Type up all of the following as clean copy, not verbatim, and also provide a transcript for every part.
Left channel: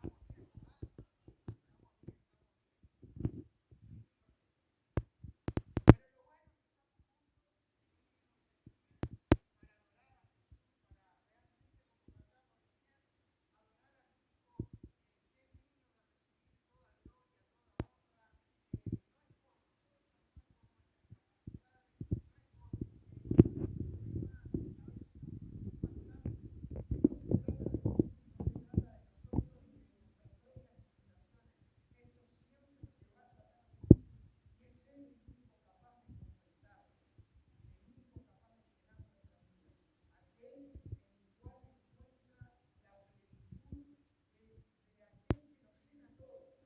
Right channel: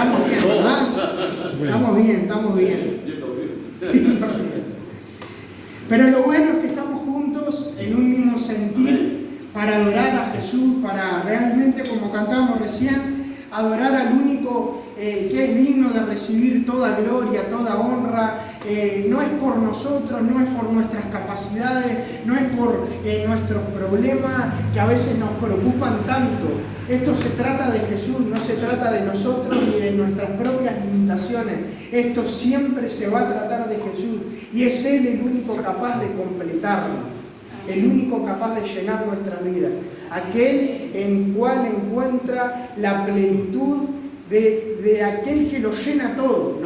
Estamos bien, ¿verdad? Estamos bien, estamos bien. Pero lo bueno es que estamos juntos en un mismo sentir para adorar a Jesús, para realmente, como cantábamos recién, adorar al único que es digno de recibir toda gloria, toda honra. No es por nosotros, no es por nuestras capacidades, no es por nuestros problemas que a veces nos preocupan tanto. Esto se trata de Jesús, no se trata de nosotros ni de nuestras propias limitaciones. Esto siempre se va a tratar de Jesús y es Él el único capaz de completarlo, el único capaz de llenar nuestra vida, aquel en cual encuentra la plenitud de aquel que lo llena todo,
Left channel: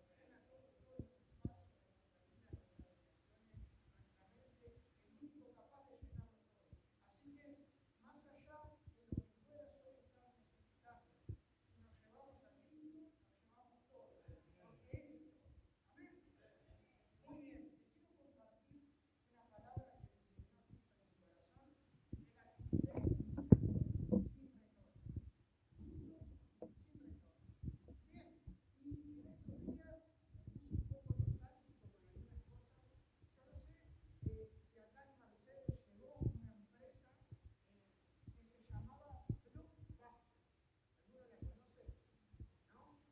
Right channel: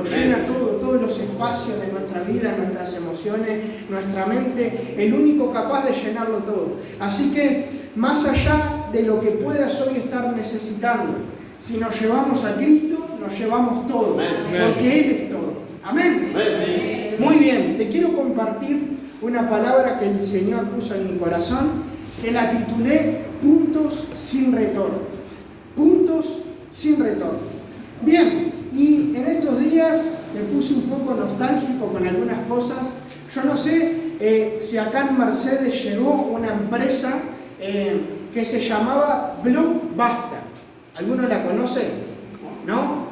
todos los espacios de nuestra vida, nuestras emociones, nuestra mente, el único capaz de llenarlo todo. Así que, más allá de lo que puedas hoy estar necesitando, si nos llevamos a Cristo, nos llevamos todo, porque Él es todo. Amén. Muy bien, te quiero compartir una palabra que el Señor puso en mi corazón, que la titulé Puntos sin retorno. Puntos sin retorno. Bien, y en estos días me puse un poco nostálgico con algunas cosas. Yo no sé si acá en Mercedes llegó una empresa que se llamaba Blockbuster. ¿Alguno la conoce? ¿No?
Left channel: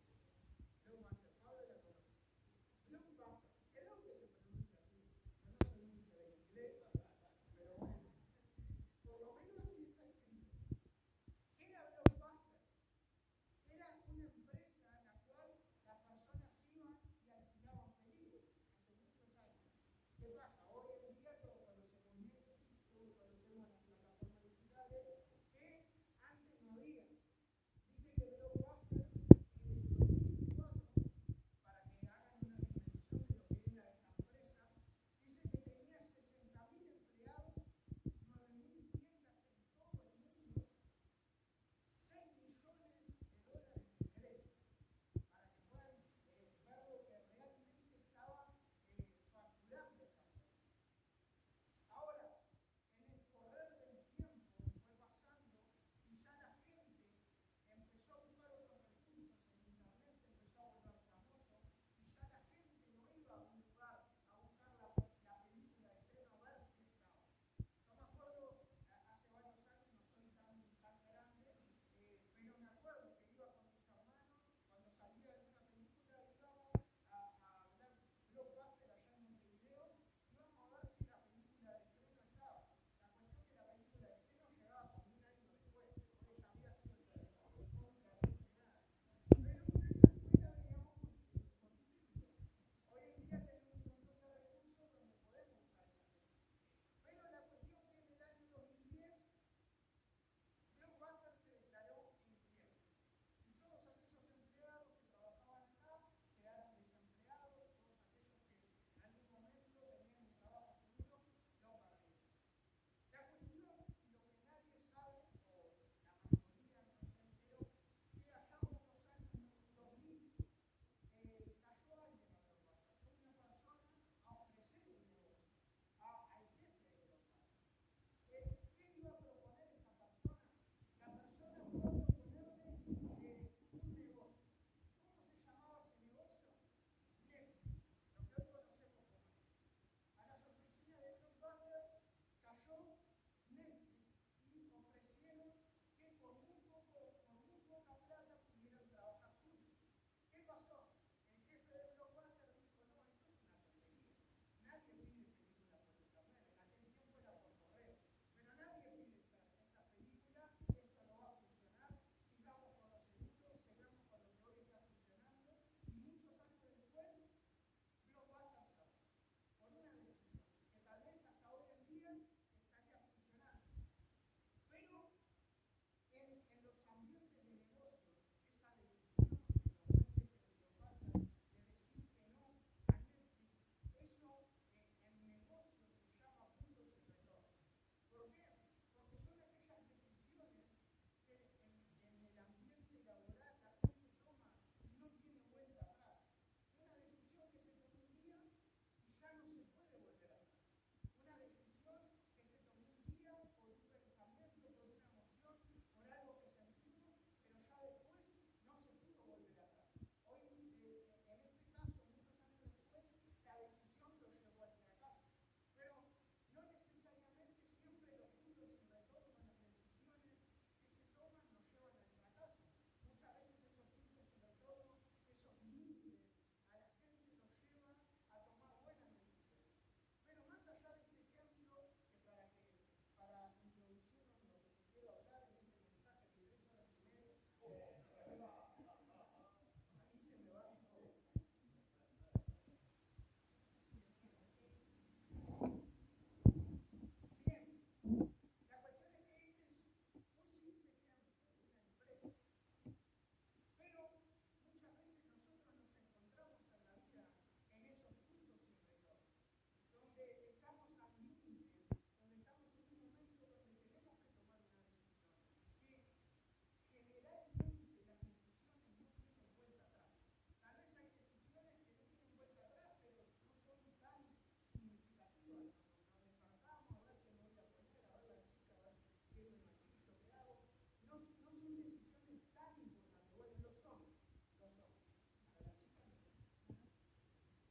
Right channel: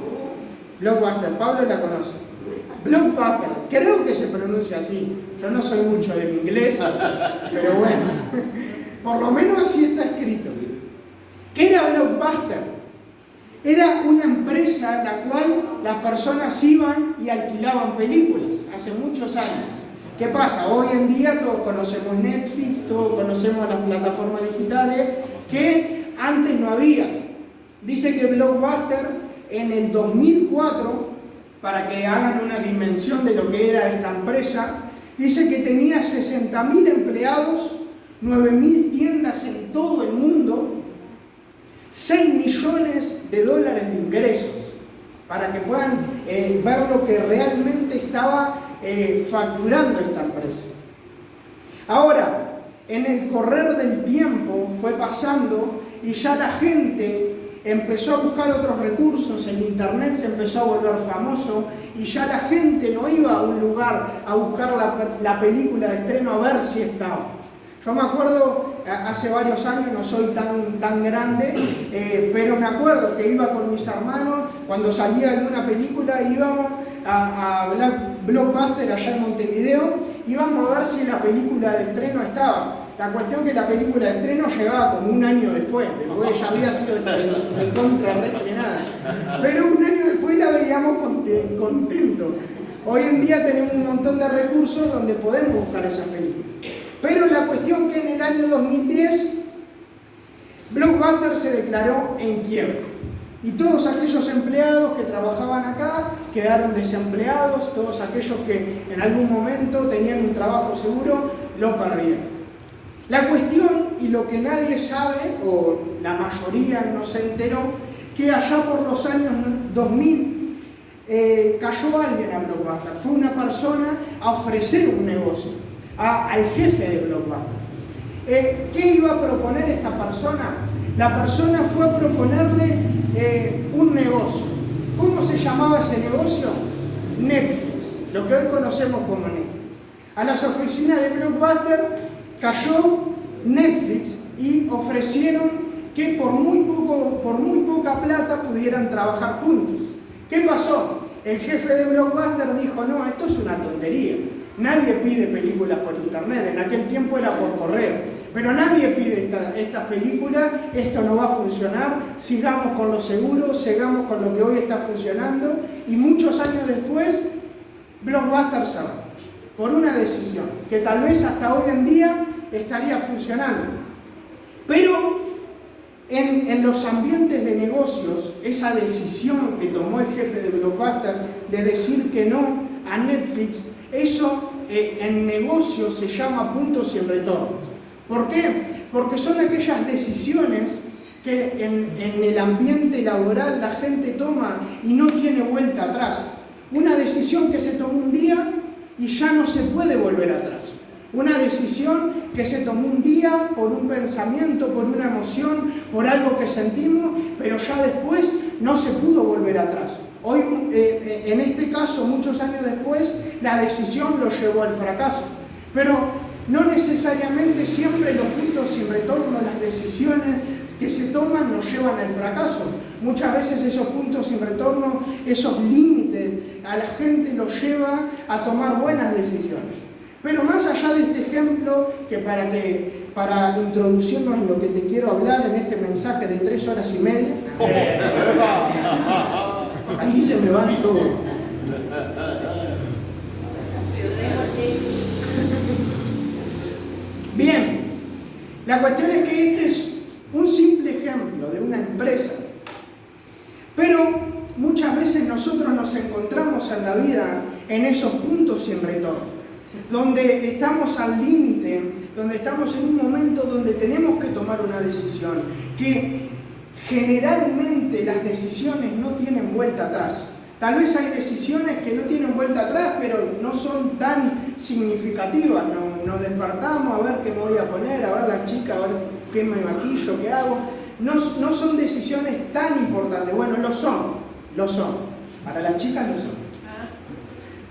Blockbuster, Pablo la conoce. Blockbuster, creo que se pronuncia así. Yo no soy mucho del inglés, pero bueno, por lo menos así está escrito. ¿Qué era Blockbuster? Era una empresa en la cual las personas iban y alquilaban películas hace muchos años. ¿Qué pasa? Hoy en día todos conocemos Netflix, todos conocemos las plataformas digitales que antes no había. Dice que Blockbuster en el 2004, para que hagan una dimensión de lo que era esta empresa, dice que tenía 60.000 empleados, 9.000 tiendas en todo el mundo, 6 millones de dólares de ingresos, para que puedan ver lo que realmente estaba facturando esta empresa. Ahora, en el correr del tiempo fue pasando y ya la gente empezó a buscar otros recursos, el internet se empezó a volver famoso y ya la gente no iba a un lugar a buscar la película de estreno a ver si estaba. Yo me acuerdo, hace varios años, no soy tan grande, pero me acuerdo que iba con mis hermanos, cuando salía alguna película íbamos a Blockbuster allá en Montevideo, íbamos a ver si la película de estreno estaba. La cuestión que la película de estreno llegaba como un año después ya había sido recontra reestrenada. Pero un año después la veíamos contentos. Hoy en día tenemos un montón de recursos donde podemos buscar esas películas. Pero la cuestión que en el año 2010 Blockbuster se declaró en quiebra. Y todos aquellos empleados que trabajaban acá quedaron desempleados, todos aquellos que en algún momento tenían un trabajo seguro, lo perdieron. La cuestión, y lo que nadie sabe, o la mayoría no se enteró, que allá por los años 2000 cayó alguien a Blockbuster. Fue una persona a ofrecer un negocio al jefe de Blockbuster. ¿Qué iba a proponer esta persona? La persona fue a proponerle un negocio. ¿Cómo se llamaba ese negocio? Netflix, lo que hoy conocemos como Netflix. A las oficinas de Blockbuster cayó Netflix y ofrecieron que por muy poca plata pudieran trabajar juntos. ¿Qué pasó? El jefe de Blockbuster dijo, no, esto es una tontería. Nadie pide películas por internet, en aquel tiempo era por correo. Pero nadie pide esta película, esto no va a funcionar, sigamos con lo seguro, sigamos con lo que hoy está funcionando. Y muchos años después, Blockbuster cerró por una decisión que tal vez hasta hoy en día estaría funcionando. Pero en los ambientes de negocios, esa decisión que tomó el jefe de Blockbuster de decir que no a Netflix, eso en negocios se llama puntos sin retorno. ¿Por qué? Porque son aquellas decisiones que en el ambiente laboral la gente toma y no tiene vuelta atrás. Una decisión que se tomó un día y ya no se puede volver atrás. Una decisión que se tomó un día por un pensamiento, por una emoción, por algo que sentimos, pero ya después no se pudo volver atrás. en este caso, muchos años después, la decisión lo llevó al fracaso. Pero no necesariamente siempre los puntos sin retorno, las decisiones que se toman nos llevan al fracaso. Muchas veces esos puntos sin retorno, esos límites, a la gente los lleva a tomar buenas decisiones. Pero más allá de este ejemplo, para introducirnos en lo que te quiero hablar en este mensaje de 3 horas y media, ahí se me van todos. Bien, la cuestión es que este es un simple ejemplo de una empresa, pero muchas veces nosotros nos encontramos en la vida en esos puntos sin retorno, donde estamos al límite, donde estamos en un momento donde tenemos que tomar una decisión, que generalmente las decisiones no tienen vuelta atrás. Tal vez hay decisiones que no tienen vuelta atrás, pero no son tan significativas. Nos despertamos a ver qué me voy a poner, a ver la chica, a ver qué me maquillo, qué hago. No son decisiones tan importantes. Bueno, lo son. Para las chicas lo son.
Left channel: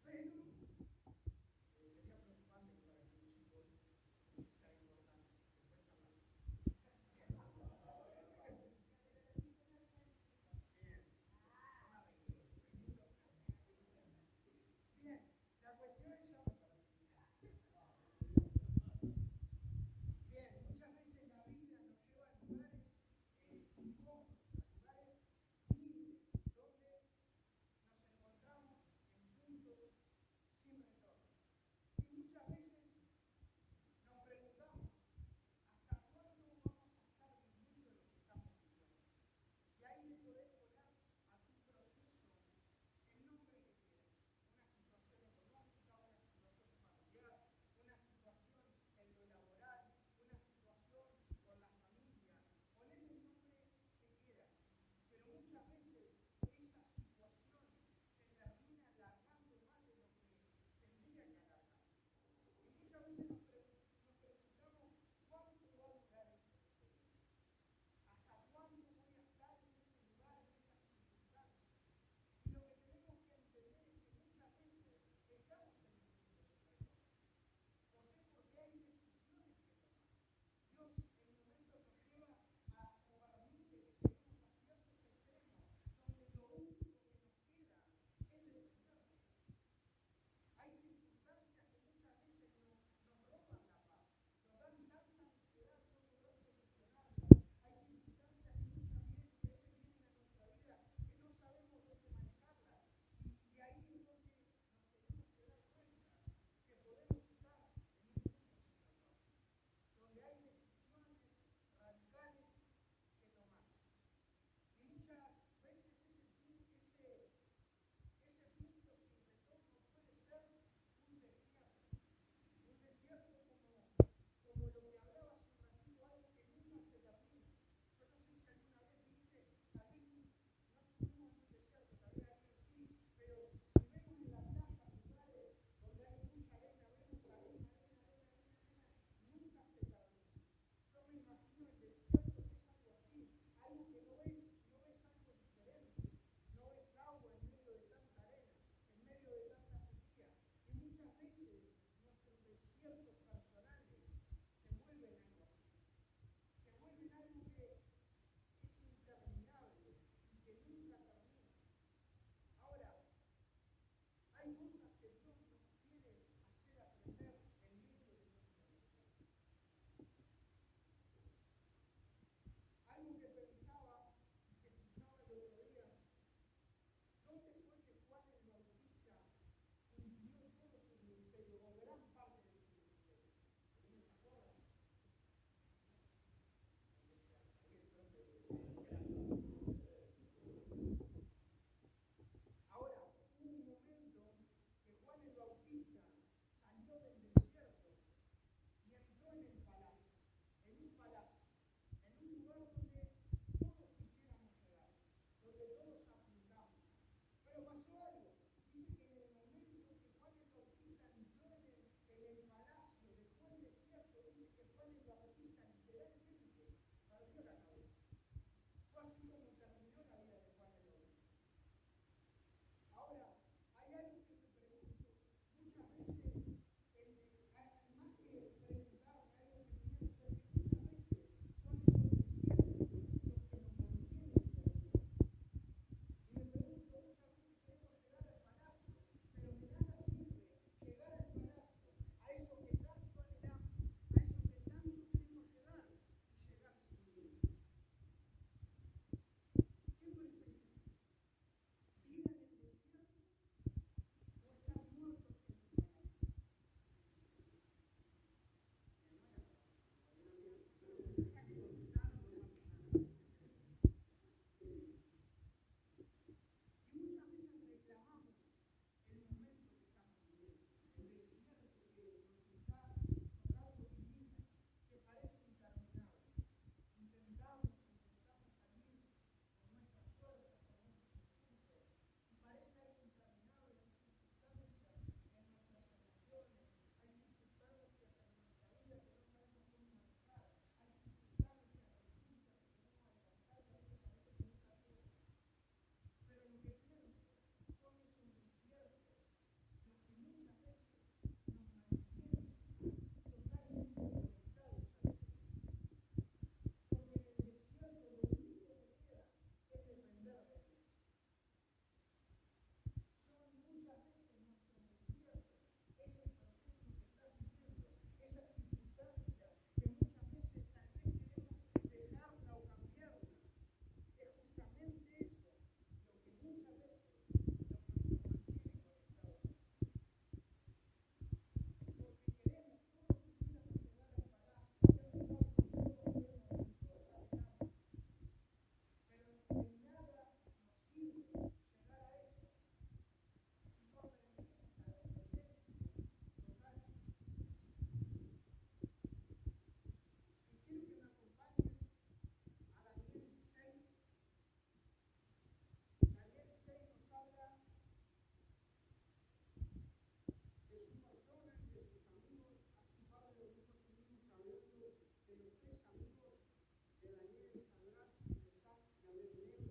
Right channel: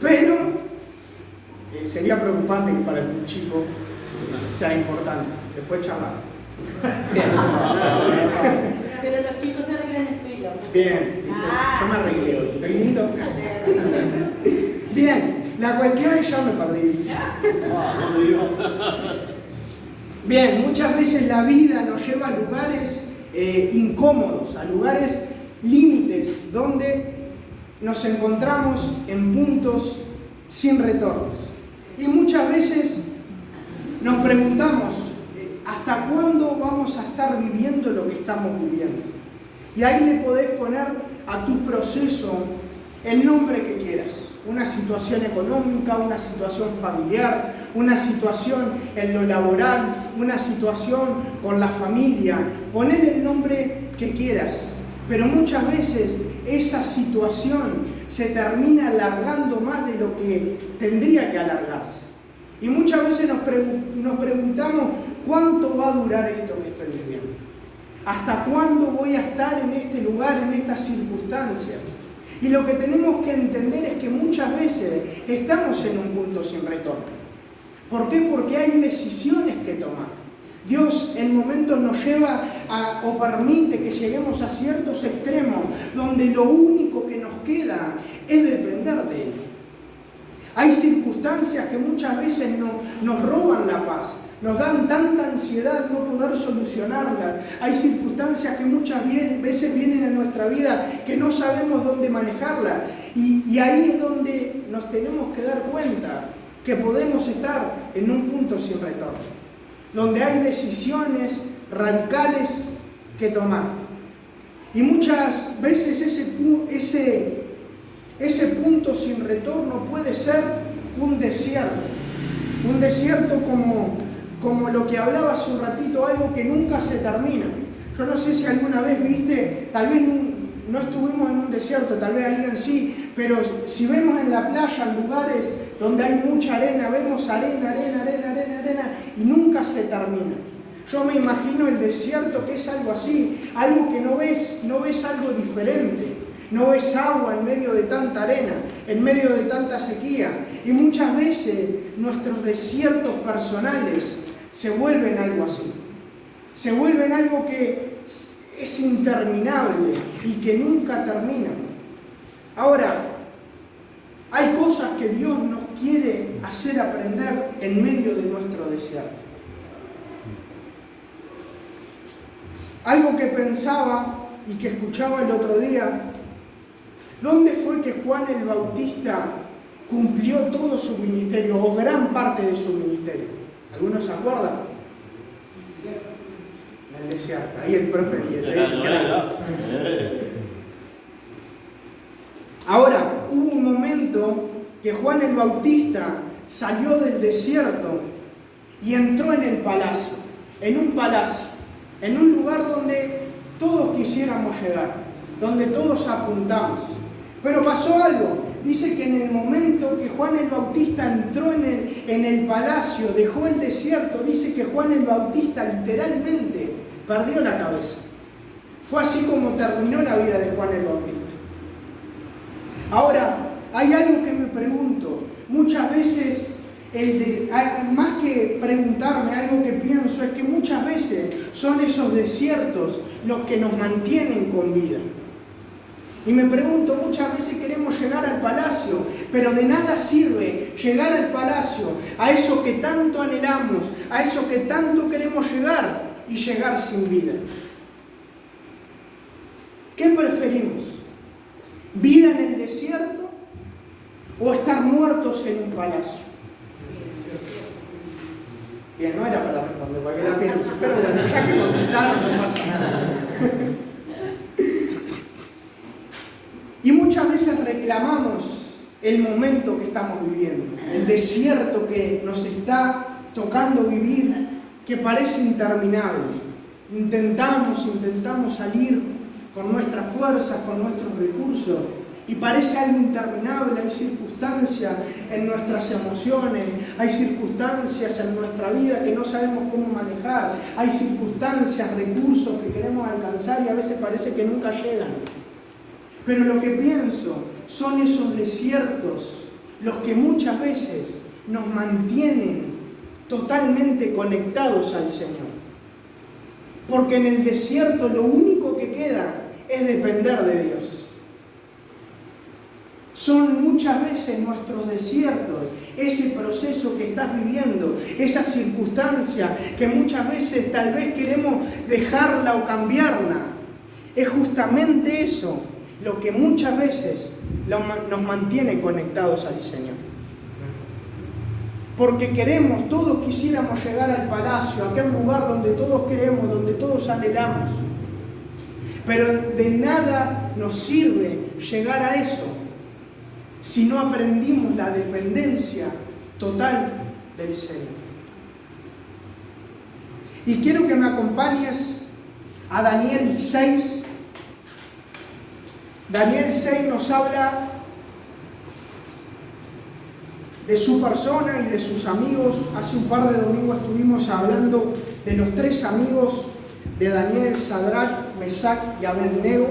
Pero sería preocupante que para el chico sea importante. Después charlar. Pero los chicos se arreglan el pelo. Bien, yo me arreglé. ¿Estoy lindo? Bien, la cuestión es ya me perdí. Bien, muchas veces la vida nos lleva a lugares incómodos, a lugares límites, donde nos encontramos en puntos sin retornos. Y muchas veces nos preguntamos, ¿hasta cuándo vamos a estar viviendo lo que estamos viviendo? Y ahí le podés poner a tu proceso el nombre que quieras. Una situación económica, una situación familiar, una situación en lo laboral, una situación con la familia. Poner el nombre que quieras. Pero muchas veces esa situación se termina alargando más de lo que tendría que alargarse. Y muchas veces nos preguntamos, ¿cuánto va a durar esto que estoy viviendo? ¿Hasta cuándo voy a estar en este lugar, en estas circunstancias? Y lo que tenemos que entender es que muchas veces estamos en un punto sin retorno. ¿Por qué? Porque hay decisiones que tomar. Dios en momentos nos lleva o permite que lleguemos a ciertos extremos donde lo único que nos queda es depender de Él. Hay circunstancias que muchas veces nos roban la paz, nos dan tanta ansiedad no poder solucionarlas. Hay circunstancias que muchas veces vienen en nuestra vida que no sabemos dónde manejarlas. Y ahí es donde nos tenemos que dar cuenta que podemos estar en un punto sin retorno, donde hay decisiones radicales que tomar. Y muchas veces ese punto sin retorno puede ser un desierto como lo que hablaba hace un ratito, algo que nunca se termina. Yo no sé si alguna vez viste, tal vez no estuvimos en un desierto, tal vez alguien sí, pero si vemos en la playa, en lugares donde hay mucha arena, vemos arena, y nunca se termina. Yo me imagino el desierto que es algo así, algo que no ves algo diferente. No ves agua en medio de tanta arena, en medio de tanta sequía. Y muchas veces nuestros desiertos personales se vuelven algo así. Se vuelven algo que es interminable y que nunca termina. Ahora, hay cosas que Dios nos quiere hacer aprender en medio de nuestro desierto. Algo que pensaba y que escuchaba el otro día. ¿Dónde fue que Juan el Bautista cumplió todo su ministerio o gran parte de su ministerio? ¿Algunos se acuerdan? En el desierto. Ahí el profe Dieter. Ahora, hubo un momento que Juan el Bautista salió del desierto y entró en el palacio. En un palacio. En un lugar donde todos quisiéramos llegar. Donde todos apuntamos. Pero pasó algo. Dice que en el momento que Juan el Bautista entró en el palacio, dejó el desierto, dice que Juan el Bautista literalmente perdió la cabeza. Fue así como terminó la vida de Juan el Bautista. Ahora, hay algo que me pregunto. Muchas veces, más que preguntarme, algo que pienso es que muchas veces son esos desiertos los que nos mantienen con vida. Y me pregunto, muchas veces queremos llegar al palacio, pero de nada sirve llegar al palacio, a eso que tanto anhelamos, a eso que tanto queremos llegar y llegar sin vida. ¿Qué preferimos? ¿Vida en el desierto o estar muertos en un palacio? Bien, no era para responder, para que la piense, pero bueno, ya que contestaron no pasa nada. Y muchas veces reclamamos el momento que estamos viviendo, el desierto que nos está tocando vivir, que parece interminable. Intentamos salir con nuestras fuerzas, con nuestros recursos, y parece algo interminable. Hay circunstancias en nuestras emociones, hay circunstancias en nuestra vida que no sabemos cómo manejar, hay circunstancias, recursos que queremos alcanzar y a veces parece que nunca llegan. Pero lo que pienso son esos desiertos los que muchas veces nos mantienen totalmente conectados al Señor. Porque en el desierto lo único que queda es depender de Dios. Son muchas veces nuestros desiertos, ese proceso que estás viviendo, esa circunstancia que muchas veces tal vez queremos dejarla o cambiarla. Es justamente eso lo que muchas veces nos mantiene conectados al Señor. Porque todos quisiéramos llegar al palacio, a aquel lugar donde todos queremos, donde todos anhelamos. Pero de nada nos sirve llegar a eso si no aprendimos la dependencia total del Señor. Y quiero que me acompañes a Daniel 6. Daniel 6 nos habla de su persona y de sus amigos. Hace un par de domingos estuvimos hablando de los 3 amigos de Daniel: Sadrach, Mesach y Abednego.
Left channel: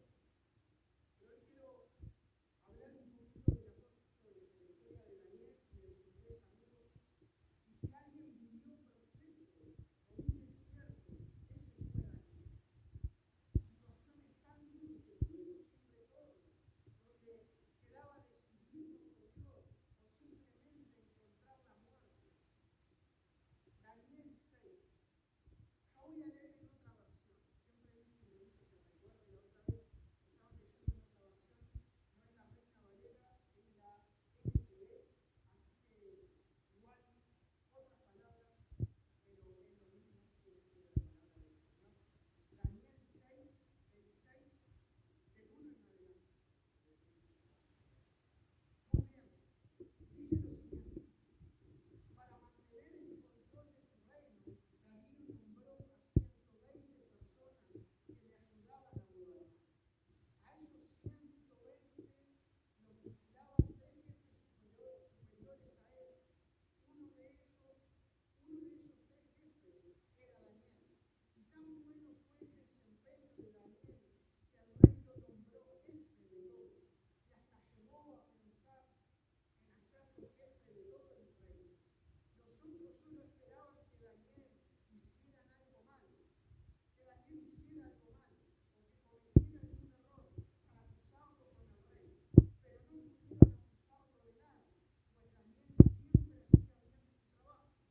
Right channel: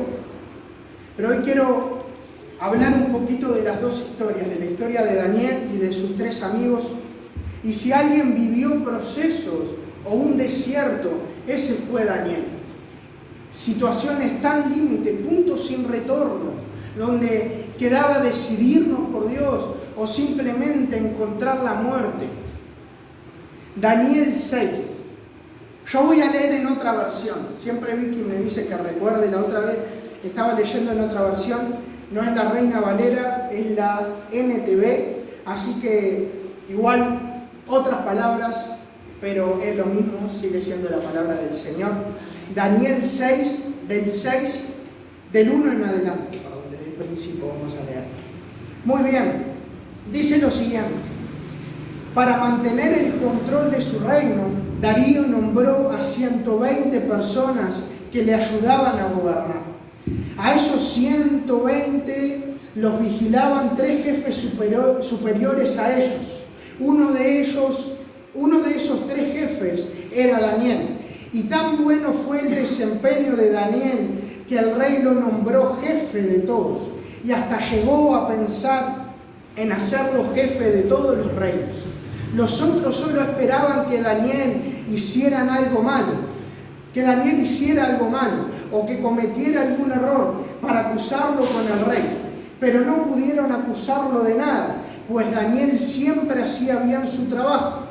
Pero hoy quiero hablar un poquito de las 2 historias, de la historia de Daniel y de sus 3 amigos. Y si alguien vivió procesos o un desierto, ese fue Daniel. Situaciones tan límite, puntos sin retorno, donde quedaba decidirnos por Dios o simplemente encontrar la muerte. Daniel 6. Yo voy a leer en otra versión. Siempre Vicky me dice que recuerde, la otra vez estaba leyendo en otra versión. No es la Reina Valera, es la NTV. Así que igual otras palabras, pero es lo mismo, sigue siendo la palabra del Señor. Daniel 6, del 1 en adelante, desde el principio vamos a leer. Muy bien, dice lo siguiente: para mantener el control de su reino, Darío nombró a 120 personas que le ayudaban a gobernar. A esos 120 los vigilaban 3 jefes superiores a ellos. Uno de esos 3 jefes era Daniel. Y tan bueno fue el desempeño de Daniel que el rey lo nombró jefe de todos. Y hasta llegó a pensar en hacerlo jefe de todos los reinos. Los otros solo esperaban que Daniel hiciera algo malo, o que cometiera algún error para acusarlo con el rey. Pero no pudieron acusarlo de nada, pues Daniel siempre hacía bien su trabajo.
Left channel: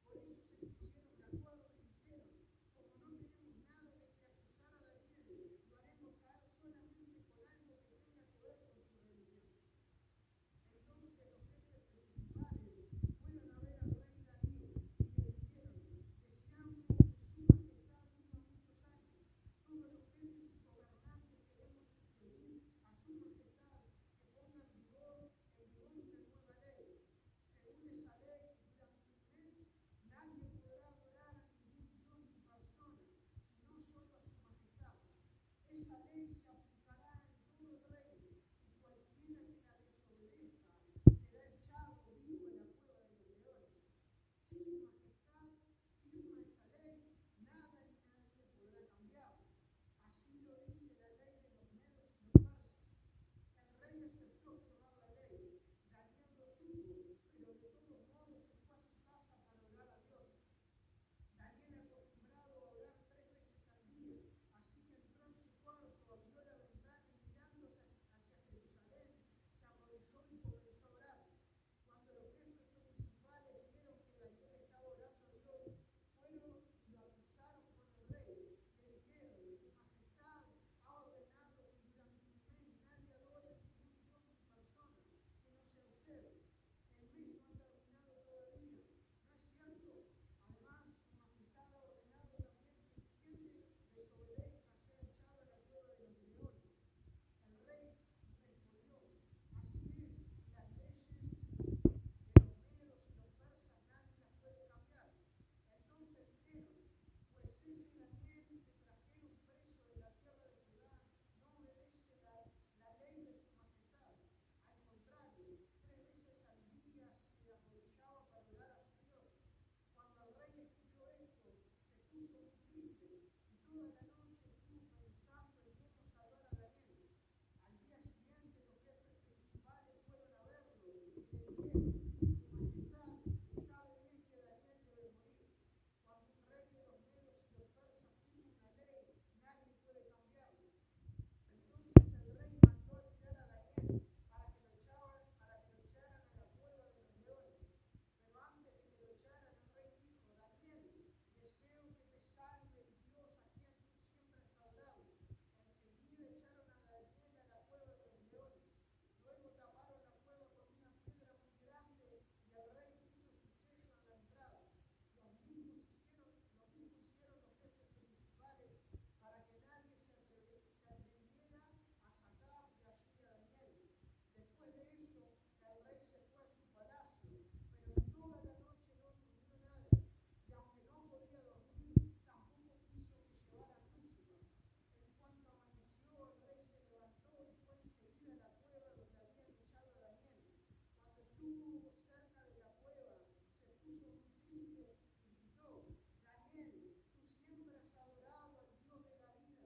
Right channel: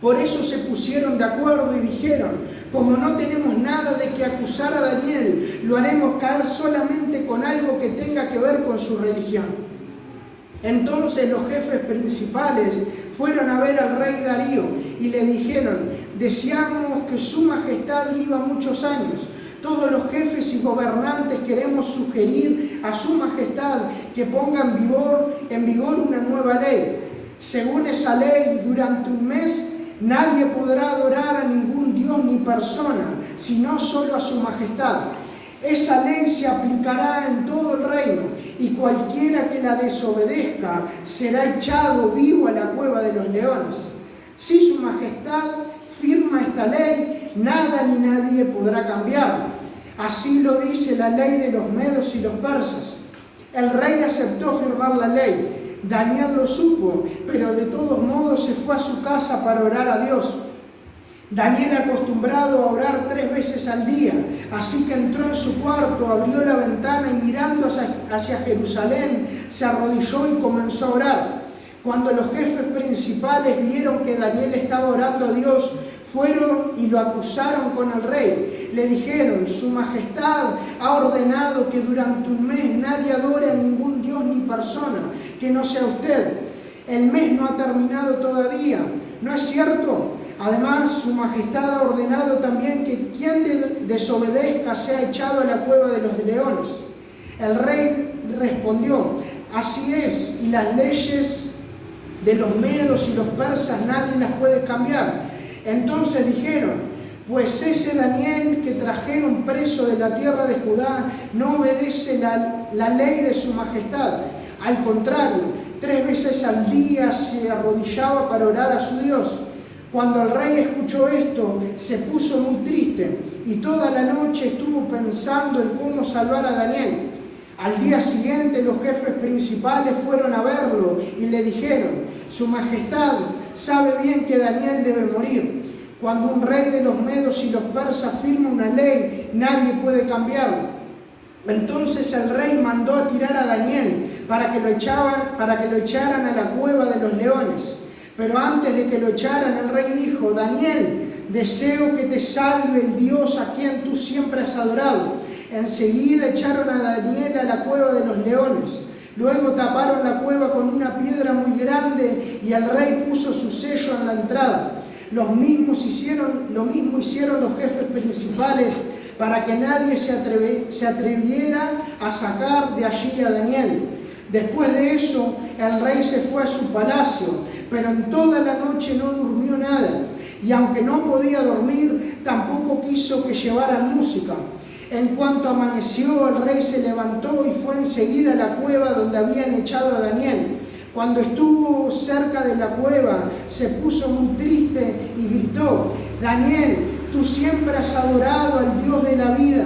Por eso se pusieron de acuerdo y dijeron: como no tenemos nada de que acusar a Daniel, lo haremos caer solamente con algo que tenga que ver con su religión. Entonces los jefes principales fueron a ver al rey Darío y le dijeron: deseamos que su majestad viva muchos años. Todos los jefes y gobernantes queremos sugerir a su majestad que ponga en vigor una nueva ley. Según esa ley, durante un mes nadie podrá adorar a ningún dios ni persona, sino solo a su majestad. Esa ley se aplicará en todo el reino, y cualquiera que la desobedezca será echado vivo a la cueva de los leones. Si su majestad firma esta ley, nada ni nadie podrá cambiarla. Así lo dice la ley de los medos y los persas. El rey aceptó firmar la ley. Daniel lo supo, pero de todos modos se fue a su casa para orar a Dios. Daniel, acostumbrado a orar 3 veces al día, así que entró en su cuarto, abrió la ventana y mirando hacia Jerusalén, se arrodilló y comenzó a orar. Cuando los jefes principales vieron que Daniel estaba orando a Dios, fueron y lo acusaron con el rey. Le dijeron: Su Majestad ha ordenado que durante un mes nadie adore a ningún dios ni persona que no sea usted. El mes no ha terminado todavía, ¿no es cierto? Además, Su Majestad ha ordenado también que quien desobedezca sea echado a la cueva de los leones. El rey respondió: Así es, y las leyes de los medos y los persas nadie las puede cambiar. Entonces dijeron: Pues ese Daniel que trajeron preso de la tierra de Judá no obedece la ley de Su Majestad. Al contrario, 3 veces al día se arrodillaba para orar a su Dios. Cuando el rey escuchó esto, se puso muy triste y toda la noche estuvo pensando en cómo salvar a Daniel. Al día siguiente, los jefes principales fueron a verlo y le dijeron: Su Majestad sabe bien que Daniel debe morir. Cuando un rey de los medos y los persas firma una ley, nadie puede cambiarla. Entonces el rey mandó a tirar a Daniel para que lo echaran a la cueva de los leones. Pero antes de que lo echaran, el rey dijo: Daniel, deseo que te salve el Dios a quien tú siempre has adorado. Enseguida echaron a Daniel a la cueva de los leones. Luego taparon la cueva con una piedra muy grande y el rey puso su sello en la entrada. Lo mismo hicieron los jefes principales para que nadie se atreviera a sacar de allí a Daniel. Después de eso, el rey se fue a su palacio, pero en toda la noche no durmió nada. Y aunque no podía dormir, tampoco quiso que llevaran música. En cuanto amaneció, el rey se levantó y fue enseguida a la cueva donde habían echado a Daniel. Cuando estuvo cerca de la cueva, se puso muy triste y gritó: Daniel, tú siempre has adorado al Dios de la vida.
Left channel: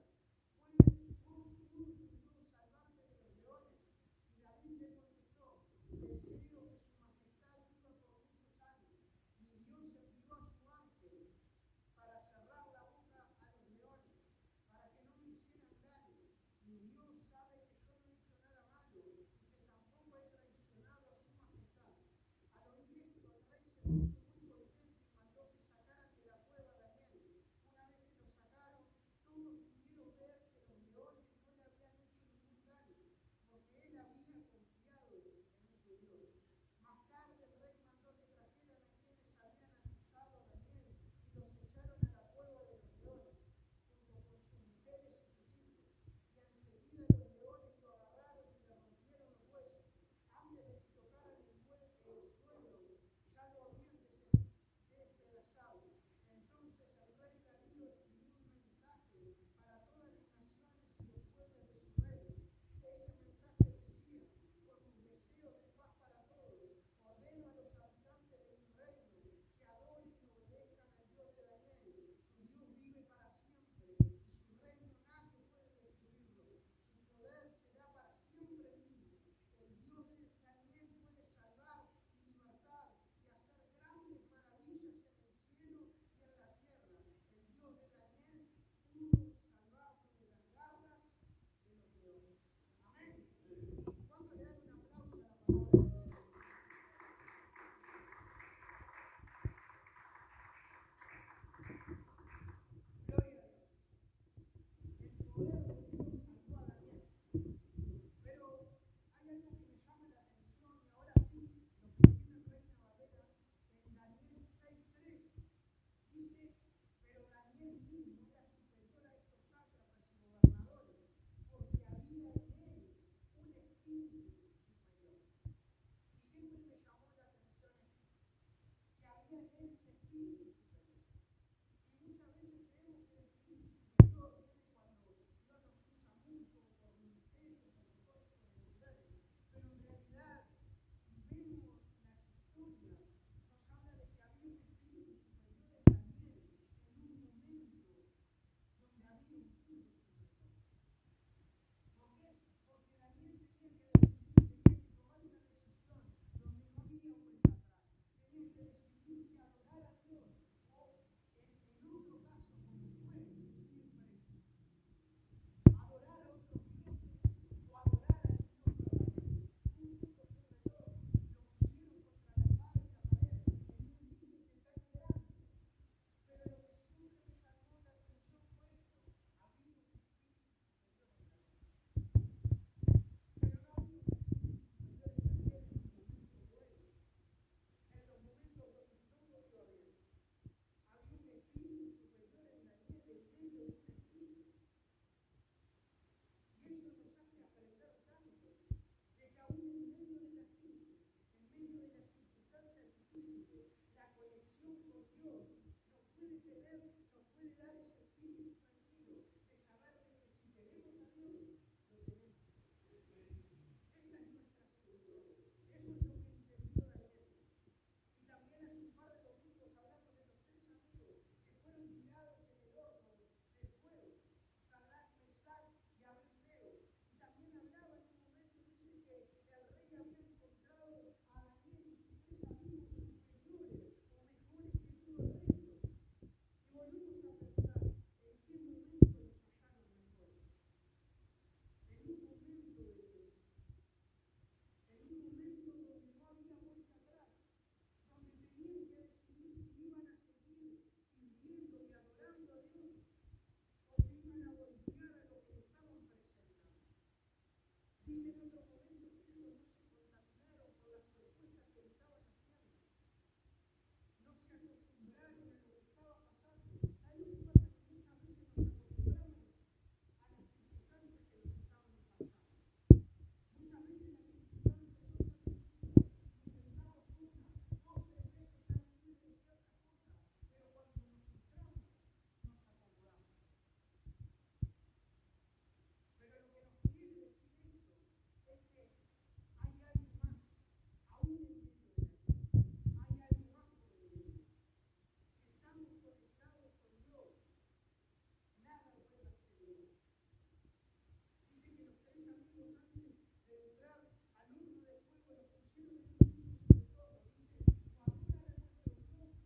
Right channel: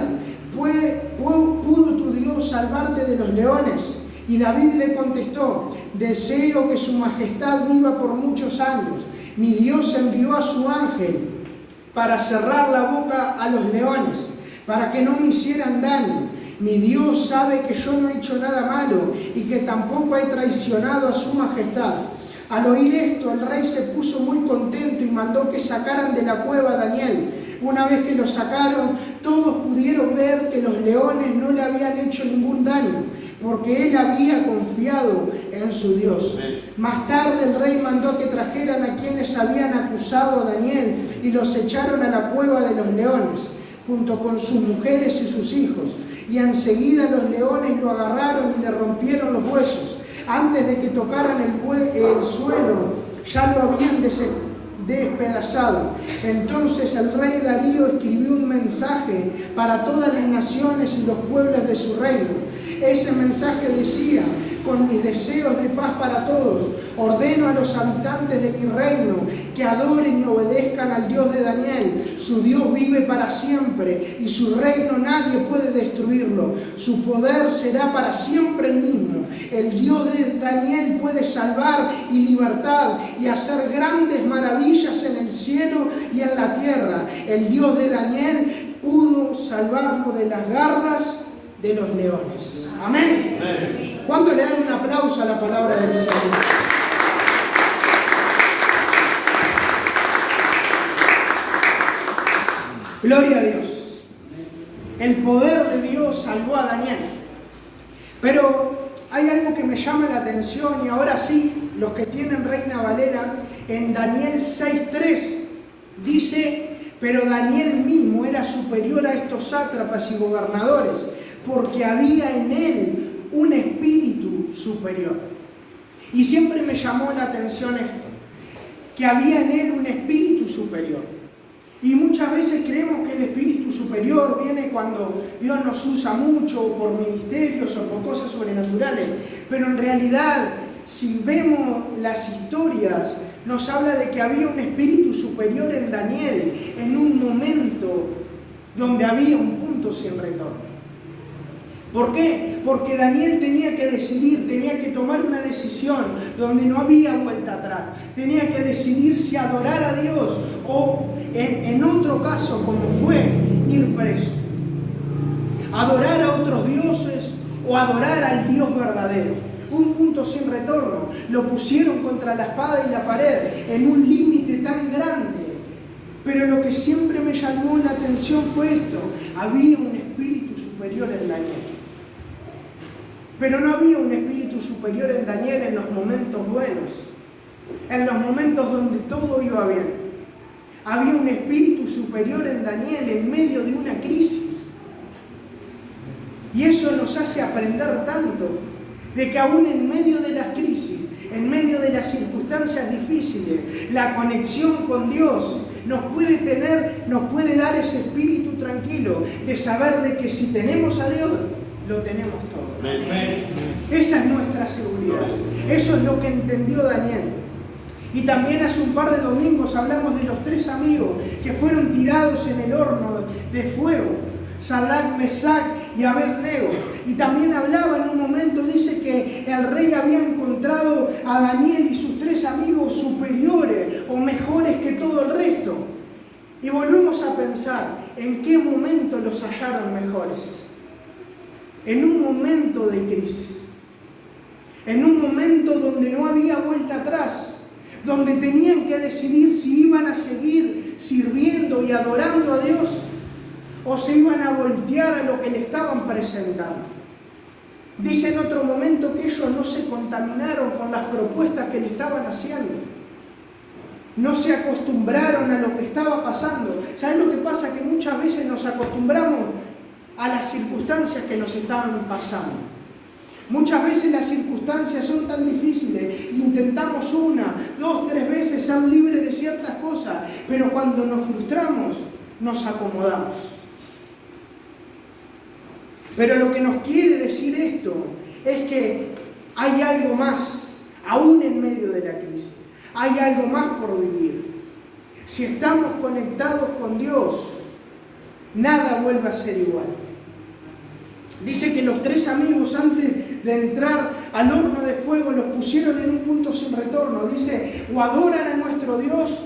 ¿Pudo tu Dios salvarte de los leones? Y David le contestó: Deseo que Su Majestad viva por muchos años. Mi Dios envió a su ángel para cerrar la boca a los leones, para que no me hicieran daño. Mi Dios sabe que yo no he hecho nada malo y que tampoco he traicionado a Su Majestad. Al oír esto, el rey se puso muy contento y mandó que sacaran de la cueva a Daniel. Una vez que lo sacaron, todos pudieron ver que los leones no le habían hecho ningún daño, porque él había confiado en su Dios. Más tarde el rey mandó que trajeran a quienes habían acusado a Daniel y los echaron a la cueva de los leones, junto con sus mujeres y sus hijos. Y enseguida los leones lo agarraron y le rompieron los huesos. Antes de que tocaran el suelo, ya lo habían despedazado. Entonces el rey Darío escribió un mensaje para todas las naciones y los pueblos de su reino. Ese mensaje decía: con mis deseos de paz para todos, ordeno a los habitantes de mi reino que adoren y obedezcan al Dios de Daniel. Su Dios vive para siempre y su reino nadie puede destruirlo. Su poder será para siempre el mismo. El Dios de Daniel puede salvar y libertar y hacer grandes maravillas en el cielo y en la tierra. El Dios de Daniel pudo salvarnos de las garras de los leones. Amén. ¿Cuánto le dan un aplauso a la palabra del Señor? Gloria a Dios. El poder de Dios salvó a Daniel. Pero hay algo que me llama la atención, y ahora sí, los que tienen Reina Valera, en Daniel 6:3 dice: pero Daniel mismo era superior a estos sátrapas y gobernadores, porque había en él un espíritu superior. Y siempre me llamó la atención esto, que había en él un espíritu superior. Y muchas veces creemos que el espíritu superior viene cuando Dios nos usa mucho por ministerios o por cosas sobrenaturales, pero en realidad, si vemos las historias, nos habla de que había un espíritu superior en Daniel en un momento donde había un punto sin retorno. ¿Por qué? Porque Daniel tenía que decidir, tenía que tomar una decisión donde no había vuelta atrás. Tenía que decidir si adorar a Dios o, en otro caso, como fue, ir preso. Adorar a otros dioses o adorar al Dios verdadero. Un punto sin retorno. Lo pusieron contra la espada y la pared, en un límite tan grande. Pero lo que siempre me llamó la atención fue esto. Había un espíritu superior en Daniel. Pero no había un espíritu superior en Daniel en los momentos buenos, en los momentos donde todo iba bien. Había un espíritu superior en Daniel en medio de una crisis. Y eso nos hace aprender tanto, de que aún en medio de las crisis, en medio de las circunstancias difíciles, la conexión con Dios nos puede dar ese espíritu tranquilo de saber de que si tenemos a Dios, lo tenemos todo. Esa es nuestra seguridad. Eso es lo que entendió Daniel. Y también hace un par de domingos hablamos de los 3 amigos que fueron tirados en el horno de fuego: Sadrac, Mesac y Abednego. Y también hablaba en un momento, dice que el rey había encontrado a Daniel y sus 3 amigos superiores o mejores que todo el resto. Y volvemos a pensar, ¿en qué momento los hallaron mejores? En un momento de crisis, en un momento donde no había vuelta atrás, donde tenían que decidir si iban a seguir sirviendo y adorando a Dios o se iban a voltear a lo que le estaban presentando. Dice en otro momento que ellos no se contaminaron con las propuestas que le estaban haciendo. No se acostumbraron a lo que estaba pasando. ¿Saben lo que pasa? Que muchas veces nos acostumbramos a las circunstancias que nos estaban pasando. Muchas veces las circunstancias son tan difíciles, intentamos 1, 2, 3 veces ser libres de ciertas cosas, pero cuando nos frustramos, nos acomodamos. Pero lo que nos quiere decir esto es que hay algo más, aún en medio de la crisis. Hay algo más por vivir. Si estamos conectados con Dios, nada vuelve a ser igual. Dice que los 3 amigos, antes de entrar al horno de fuego, los pusieron en un punto sin retorno. Dice, o adoran a nuestro Dios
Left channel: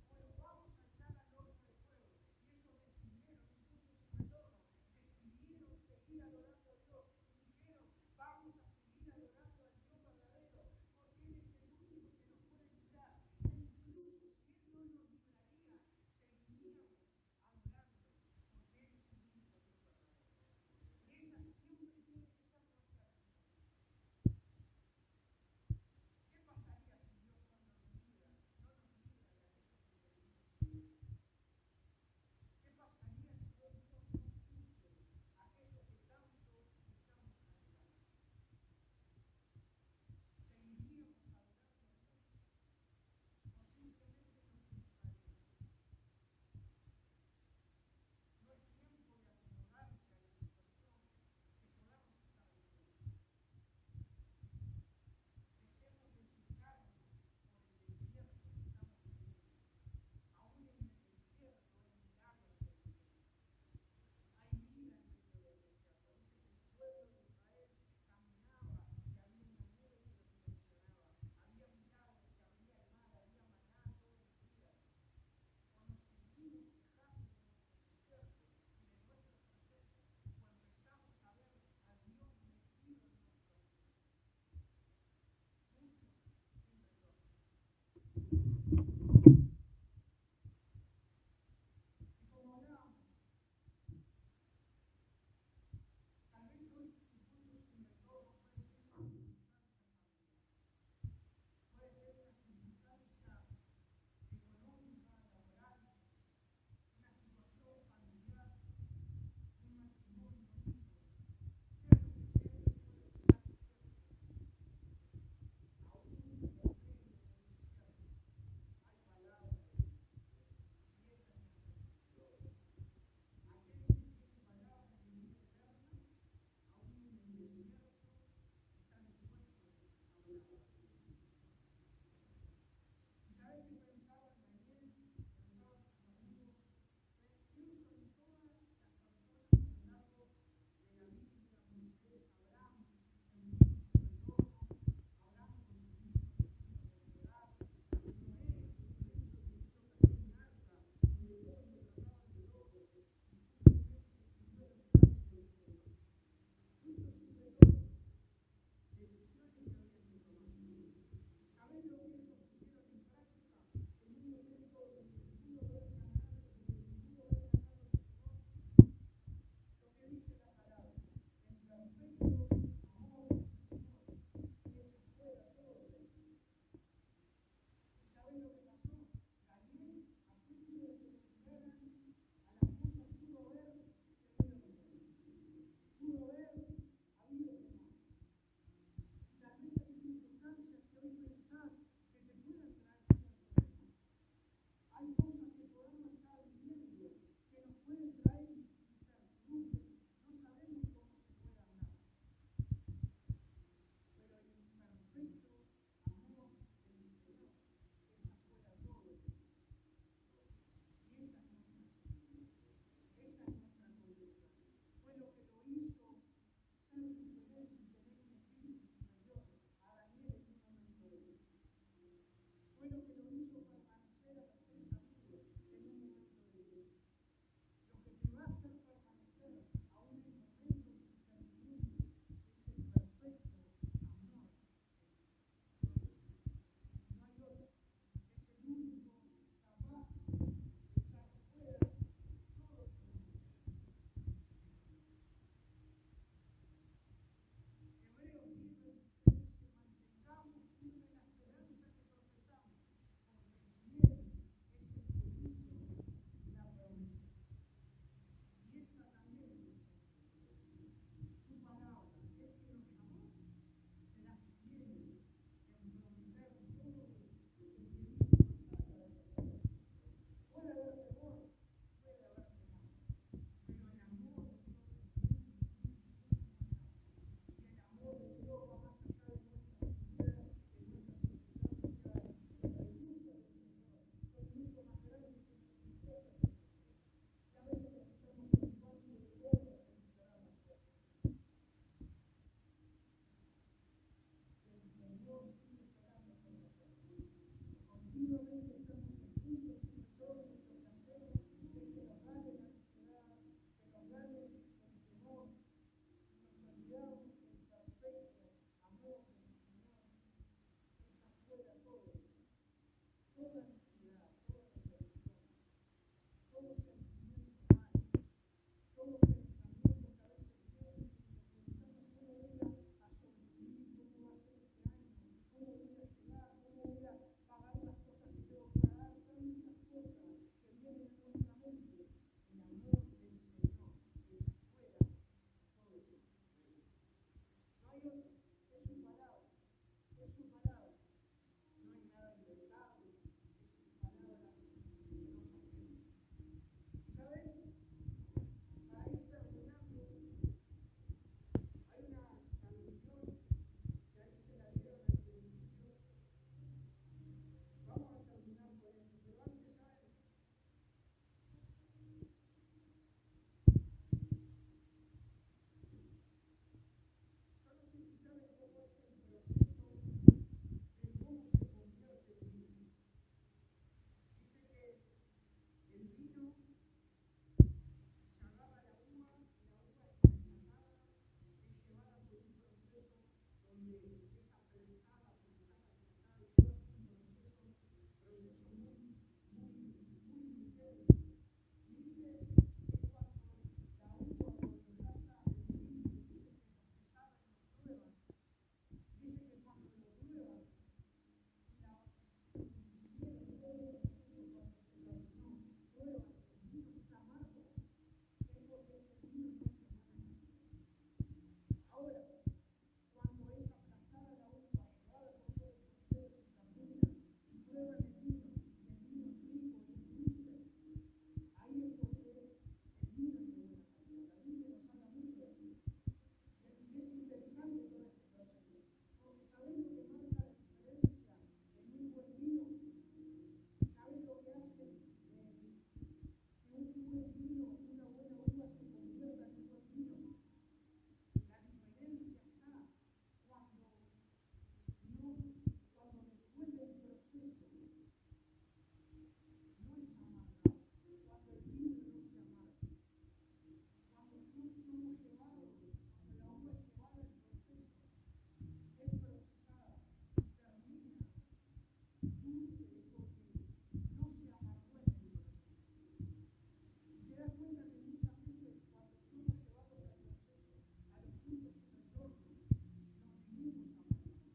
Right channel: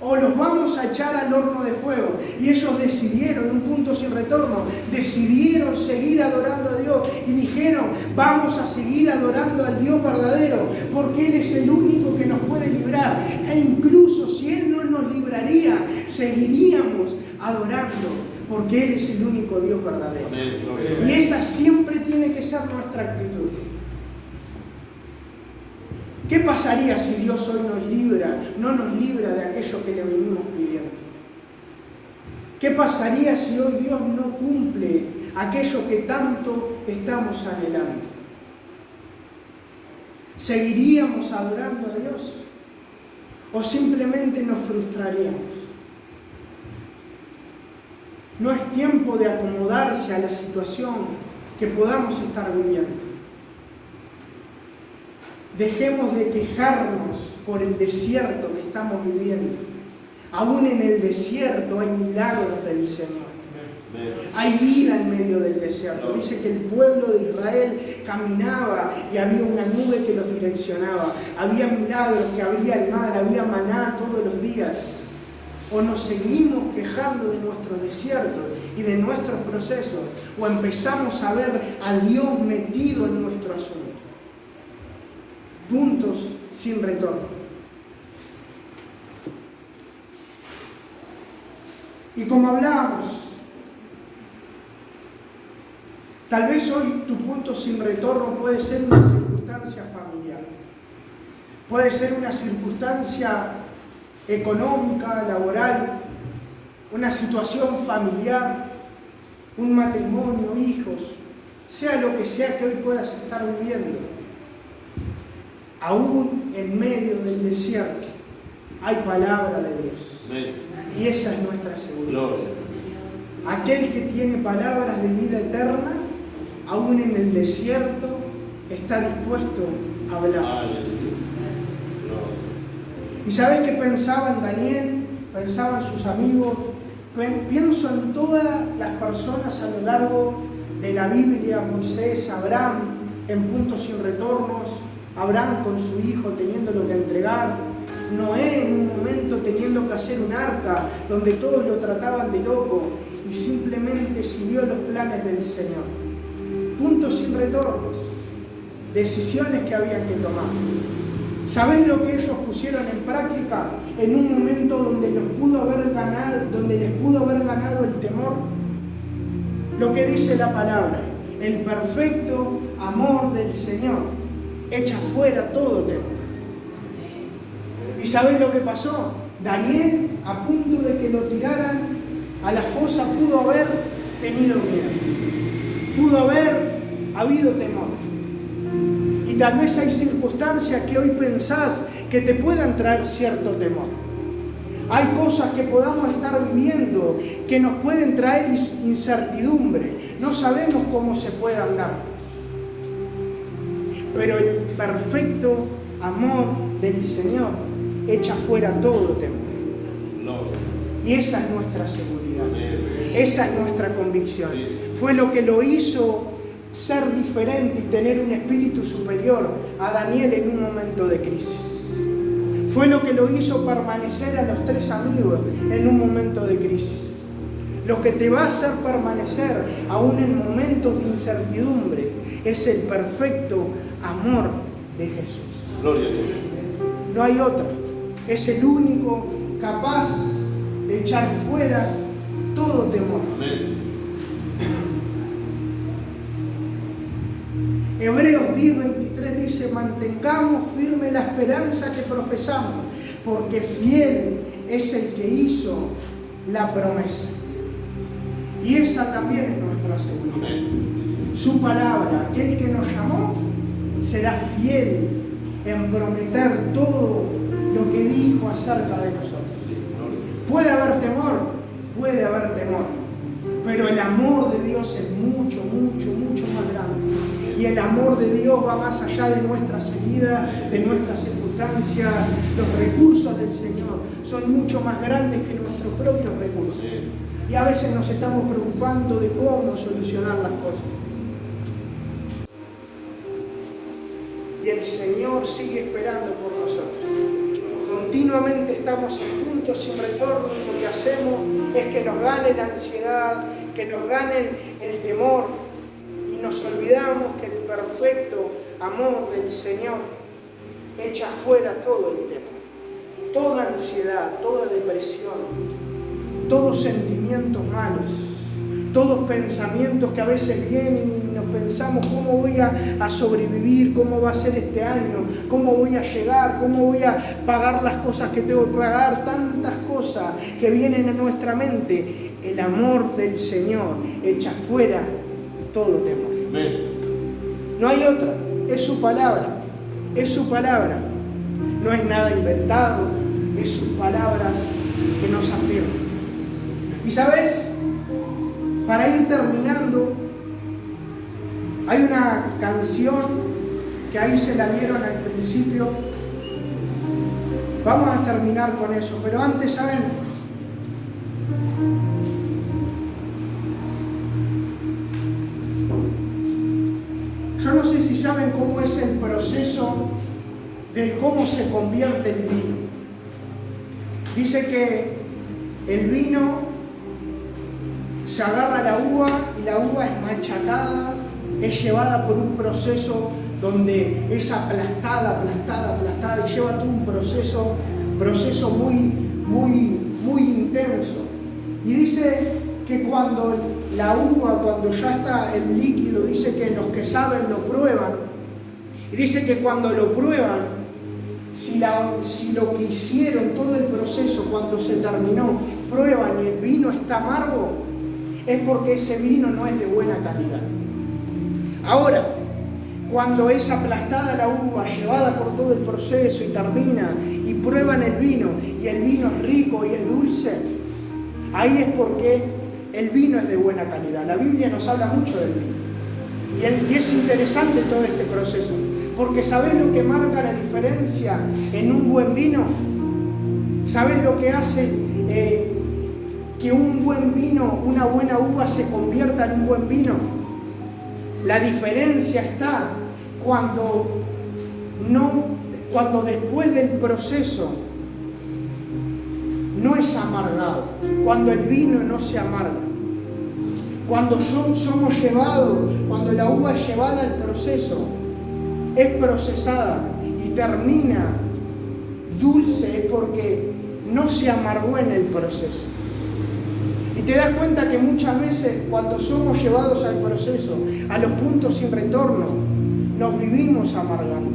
o los vamos a echar al horno de fuego. Y ellos decidieron, un punto sin retorno, decidieron seguir adorando a Dios y dijeron, vamos a seguir adorando al Dios verdadero, porque Él es el único que nos puede librar. E incluso si Él no nos libraría, seguiríamos adorando, porque Él es el único Dios verdadero. Y esa siempre tiene que ser nuestra actitud. ¿Qué pasaría si Dios hoy no nos libra de aquello que le venimos pidiendo? ¿Qué pasaría si hoy Dios no cumple aquello que tanto estamos anhelando? ¿Seguiríamos adorando a Dios? ¿O simplemente nos frustraríamos? No es tiempo de acomodarse a la situación que podamos estar viviendo. Dejemos de quejarnos por el desierto que estamos viviendo. Aún en el desierto hay milagros del Señor. Hay vida en medio del desierto. Dice que el pueblo de Israel caminaba y había una nube que los direccionaba. Había milagros, que abría el mar, había maná todos los días. O nos seguimos quejando de nuestros desiertos y de nuestros procesos, o empezamos a ver a Dios metido en nuestro asunto. Puntos sin retorno. Y como hablábamos, tal vez hoy tu punto sin retorno puede ser una circunstancia familiar, puede ser una circunstancia económica, laboral, una situación familiar, un matrimonio, hijos, sea lo que sea que hoy puedas estar viviendo. Aún en medio del desierto hay palabra de Dios. Y esa es nuestra seguridad. Aquel que tiene palabras de vida eterna, aún en el desierto, está dispuesto a hablar. ¿Y sabes qué pensaba en Daniel? Pensaba en sus amigos. Pienso en todas las personas a lo largo de la Biblia, Moisés, Abraham en puntos sin retornos, Abraham con su hijo teniéndolo que entregar, Noé en un momento teniendo que hacer un arca donde todos lo trataban de loco y simplemente siguió los planes del Señor. Puntos sin retornos, decisiones que habían que tomar. ¿Sabés lo que ellos pusieron en práctica en un momento donde les pudo haber ganado el temor? Lo que dice la palabra: el perfecto amor del Señor echa fuera todo temor. ¿Y sabés lo que pasó? Daniel, a punto de que lo tiraran a la fosa, pudo haber tenido miedo, pudo haber habido temor. Y tal vez hay circunstancias que hoy pensás que te puedan traer cierto temor. Hay cosas que podamos estar viviendo que nos pueden traer incertidumbre. No sabemos cómo se puedan dar. Pero el perfecto amor del Señor echa fuera todo temor. Y esa es nuestra seguridad. Esa es nuestra convicción. Fue lo que lo hizo ser diferente y tener un espíritu superior a Daniel en un momento de crisis. Fue lo que lo hizo permanecer a los 3 amigos en un momento de crisis. Lo que te va a hacer permanecer aún en momentos de incertidumbre es el perfecto amor de Jesús. Gloria a Dios. No hay otra. Es el único capaz de echar fuera todo temor. Amén. Hebreos 10:23 dice: mantengamos firme la esperanza que profesamos, porque fiel es el que hizo la promesa. Y esa también es nuestra seguridad. Amén. Su palabra, aquel que nos llamó, será fiel en prometer todo lo que dijo acerca de nosotros. Puede haber temor, pero el amor de Dios es mucho, mucho, mucho más grande. Y el amor de Dios va más allá de nuestras heridas, de nuestras circunstancias. Los recursos del Señor son mucho más grandes que nuestros propios recursos. Y a veces nos estamos preocupando de cómo solucionar las cosas. Y el Señor sigue esperando por nosotros. Continuamente estamos en puntos sin retorno y lo que hacemos es que nos gane la ansiedad, que nos gane el temor y nos olvidamos que el perfecto amor del Señor echa fuera todo el temor, toda ansiedad, toda depresión, todos sentimientos malos, todos pensamientos que a veces vienen y nos pensamos cómo voy a sobrevivir, cómo va a ser este año, cómo voy a llegar, cómo voy a pagar las cosas que tengo que pagar, tantas cosas que vienen a nuestra mente. El amor del Señor echa fuera todo temor. Amén. No hay otra, es su palabra, es su palabra. No es nada inventado, es sus palabras que nos afirman. Y sabes, para ir terminando, hay una canción que ahí se la dieron al principio. Vamos a terminar con eso, pero antes, ¿saben? Yo no sé si saben cómo es el proceso de cómo se convierte el vino. Dice que el vino se agarra la uva y la uva es machacada, es llevada por un proceso donde es aplastada y lleva todo un proceso muy intenso. Y dice que cuando la uva, cuando ya está el líquido, dice que los que saben lo prueban. Y dice que cuando lo prueban, si lo que hicieron, todo el proceso, cuando se terminó, prueban y el vino está amargo, es porque ese vino no es de buena calidad. Ahora, cuando es aplastada la uva, llevada por todo el proceso y termina, y prueban el vino, y el vino es rico y es dulce, ahí es porque el vino es de buena calidad. La Biblia nos habla mucho del vino. Y es interesante todo este proceso, porque ¿sabés lo que marca la diferencia en un buen vino? ¿Sabés lo que hace que un buen vino, una buena uva se convierta en un buen vino? La diferencia está cuando después del proceso no es amargado, cuando el vino no se amarga, cuando somos llevados, cuando la uva es llevada al proceso, es procesada y termina dulce, es porque no se amargó en el proceso. Y te das cuenta que muchas veces cuando somos llevados al proceso, a los puntos sin retorno, nos vivimos amargando.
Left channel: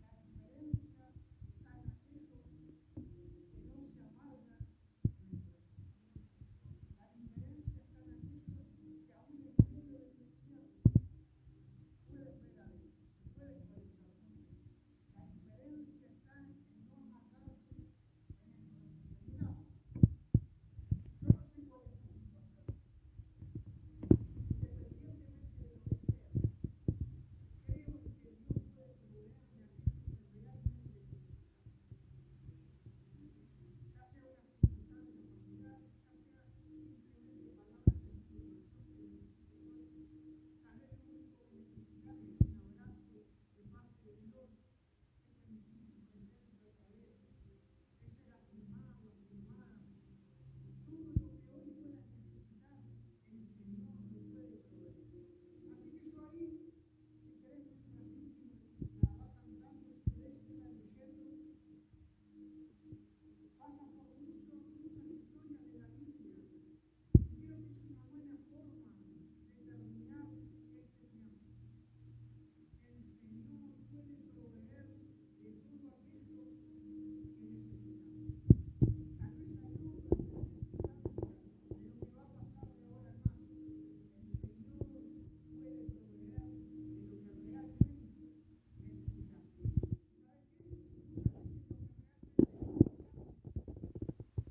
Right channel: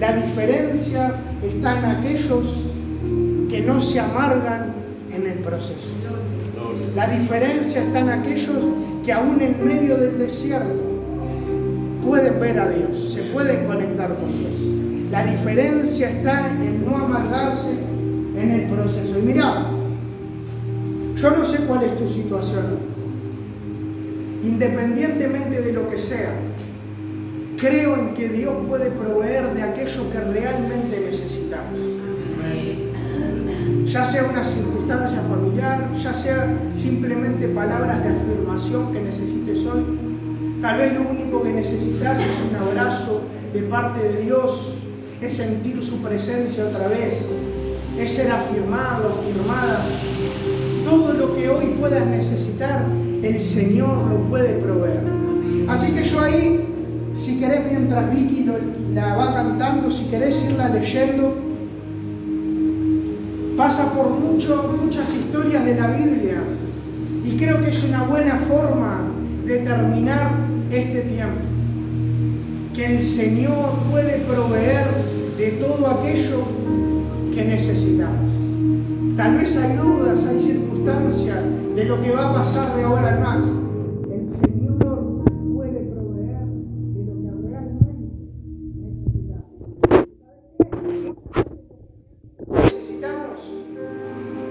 La diferencia está en aquellos que no se amargan en el proceso. La diferencia está en aquellos que aún en medio del desierto pueden ver a Dios, se pueden conectar con Dios. La diferencia está en no amargarse en el proceso. Y mirá, yo no sé cuál es tu situación, independientemente de lo que sea, creo en que Dios puede proveer de aquello que realmente necesitamos. Ya sea una circunstancia familiar, ya sea simplemente palabras de afirmación que necesites hoy. Tal vez lo único que necesitas es un abrazo de parte de Dios, es sentir su presencia otra vez, es ser afirmado, afirmada. Todo lo que hoy puedas necesitar, el Señor lo puede proveer. Así que yo ahí, si querés, mientras Vicky la va cantando, si querés irla leyendo, pasa por muchas historias de la Biblia y creo que es una buena forma de terminar este tiempo. Que el Señor puede proveer de todo aquello que necesitamos. Tal vez hay dudas, hay circunstancias de lo que va a pasar de ahora en más. El Señor puede proveer de lo que realmente necesitamos. Necesitamos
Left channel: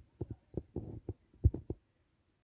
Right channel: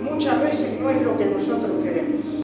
muchas veces no es lo que nosotros queremos.